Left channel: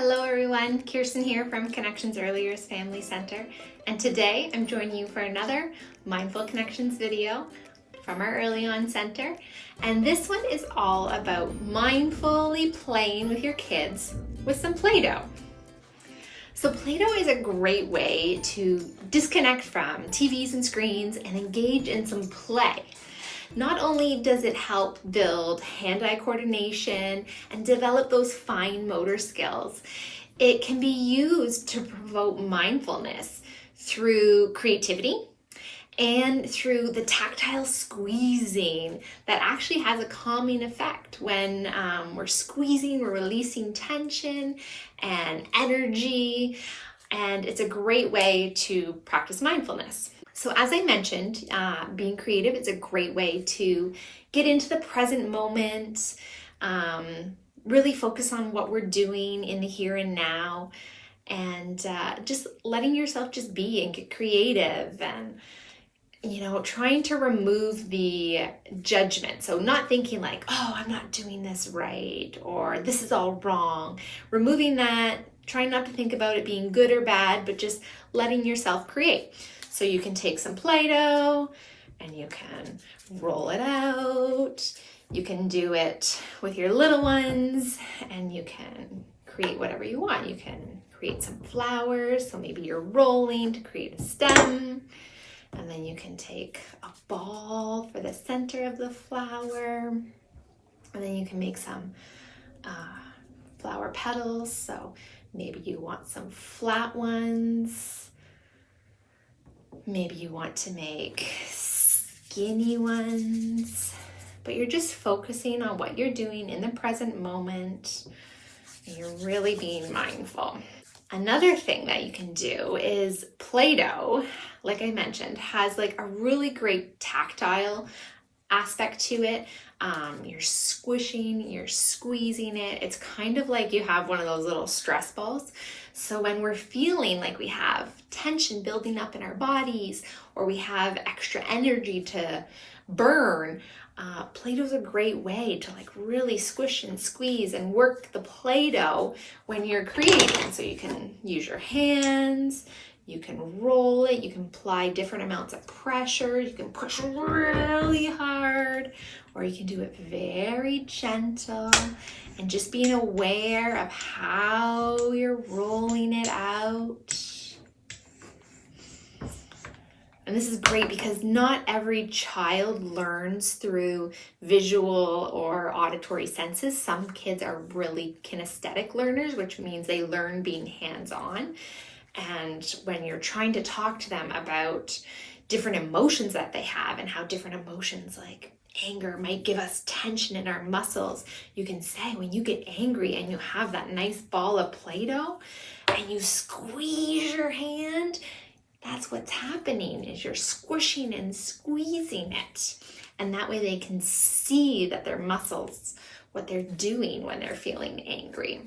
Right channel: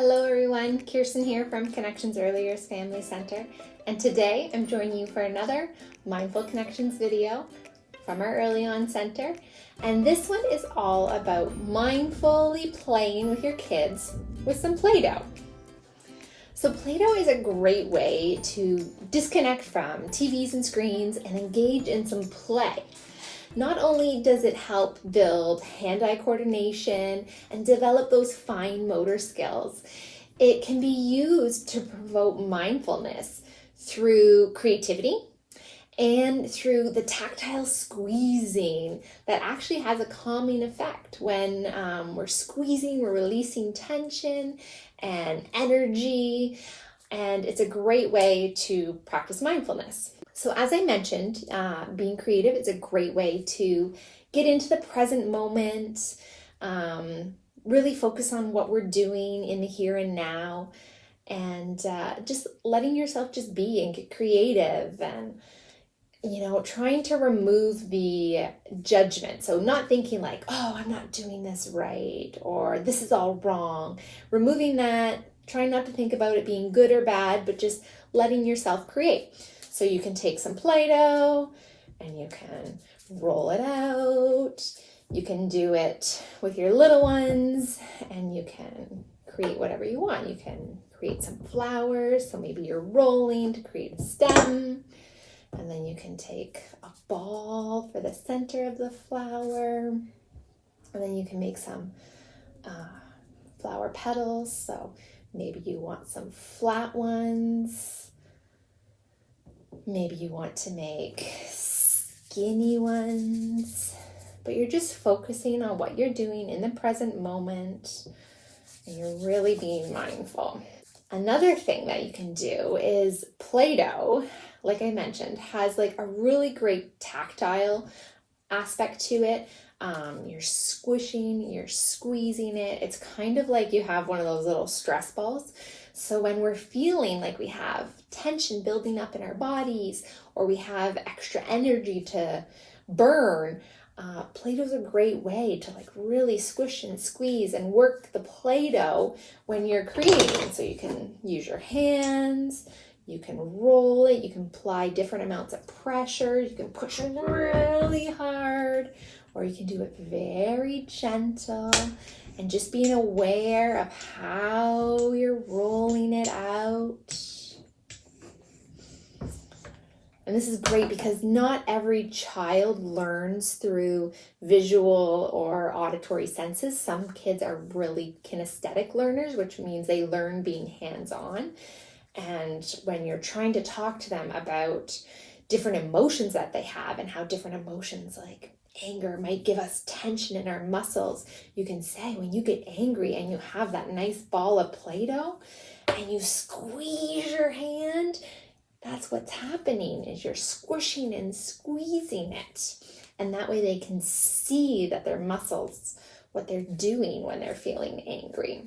Hello everyone, Kirsten here from Connections Early Years Family Center, and today I'm joining you for another Mindful Connections video from our Early On Center. And this one is all about mindfully playing with your kids with some Play-Doh. So Play-Doh is a great way to disconnect from TVs and screens and engage in some play. Not only does it help build hand-eye coordination and develop those fine motor skills, it can be used to promote mindfulness through creativity and through the tactile squeezing that actually has a calming effect. When we're squeezing, we're releasing tension and energy, and it's a great way to practice mindfulness. So as I mentioned, being creative is a great way to get into the present moment, really focus on what we're doing in the here and now, and just letting yourself just be and get creative and, trying to remove the judgment. So not thinking like, oh, I'm not doing this right, or this is all wrong. Removing that, trying not to think about it being good or bad, but just letting yourself create. So you can take some Play-Doh and you can roll it out. You can do it with your little ones and you can create whatever you want. You can create some flowers. So maybe you're rolling to create a stem. And then you can take a ball for the center of the flower. And then you can make some flower petals. So maybe you want some flat ones. Maybe you want to make skinny ones, but you're just focusing on what you're doing in the present moment, and you're really being mindful. Another thing that you can do is Play-Doh, like I mentioned, has like a really great tactile aspect to it. You're squishing, you're squeezing it. It's kind of like you have one of those little stress balls. So when we're feeling like we have tension building up in our bodies, or we have extra energy to burn, Play-Doh is a great way to like really squish and squeeze and work the Play-Doh when you're creating. So you can use your hands, you can roll it, you can apply different amounts of pressure, you can push really hard, or you can do it very gentle and just being aware of how you're rolling it out. And this is great because not every child learns through visual or auditory senses. Some kids are really kinesthetic learners, which means they learn being hands-on. And when you're trying to talk to them about different emotions that they have and how different emotions like anger might give us tension in our muscles, you can say when you get angry and you have that nice ball of Play-Doh and you squeeze your hand, that's what's happening, is you're squishing and squeezing it. And that way they can see that their muscles, what they're doing when they're feeling angry.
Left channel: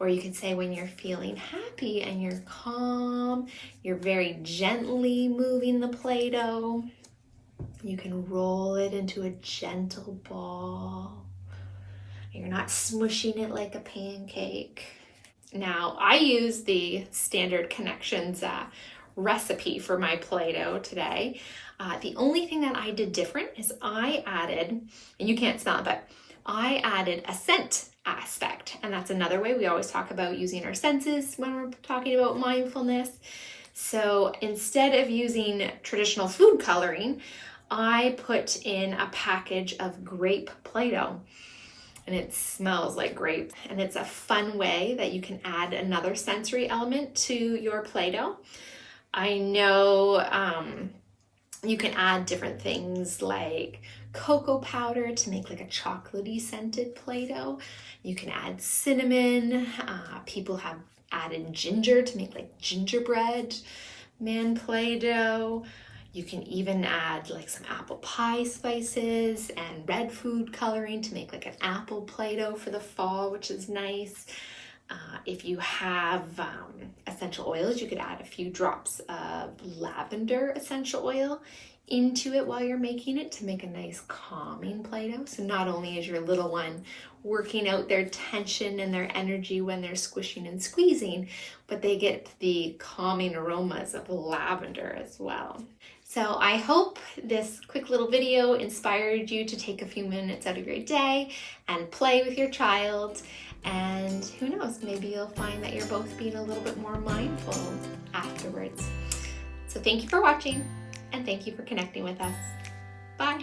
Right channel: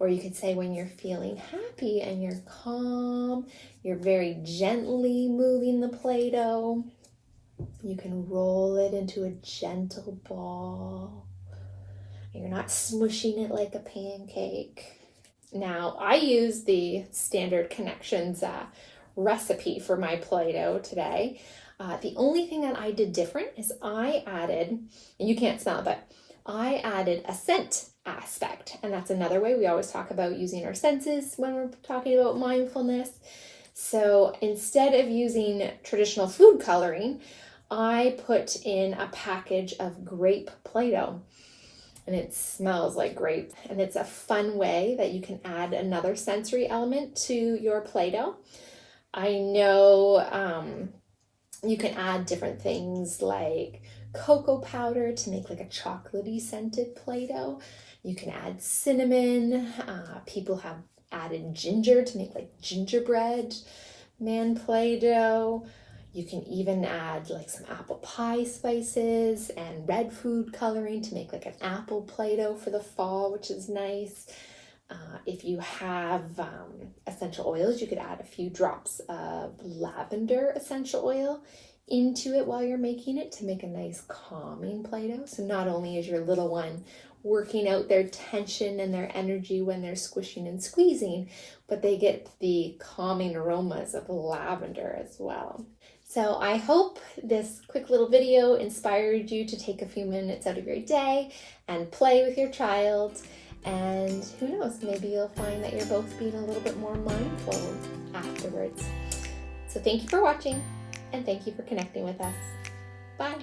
Or you could say when you're feeling happy and you're calm, you're very gently moving the Play-Doh. You can roll it into a gentle ball. You're not smushing it like a pancake. Now, I use the Standard Connections recipe for my Play-Doh today. The only thing that I did different is I added, and you can't smell it, but I added a scent aspect. And that's another way we always talk about using our senses when we're talking about mindfulness. So instead of using traditional food coloring, I put in a package of grape Play-Doh, and it smells like grape. And it's a fun way that you can add another sensory element to your Play-Doh. I know you can add different things like cocoa powder to make like a chocolatey scented Play-Doh. You can add cinnamon. People have added ginger to make like gingerbread man Play-Doh. You can even add like some apple pie spices and red food coloring to make like an apple Play-Doh for the fall, which is nice. If you have essential oils, you could add a few drops of lavender essential oil into it while you're making it to make a nice calming Play-Doh. So not only is your little one working out their tension and their energy when they're squishing and squeezing, but they get the calming aromas of lavender as well. So I hope this quick little video inspired you to take a few minutes out of your day and play with your child. And who knows, maybe you'll find that you're both being a little bit more mindful afterwards. So thank you for watching, and thank you for connecting with us. Bye.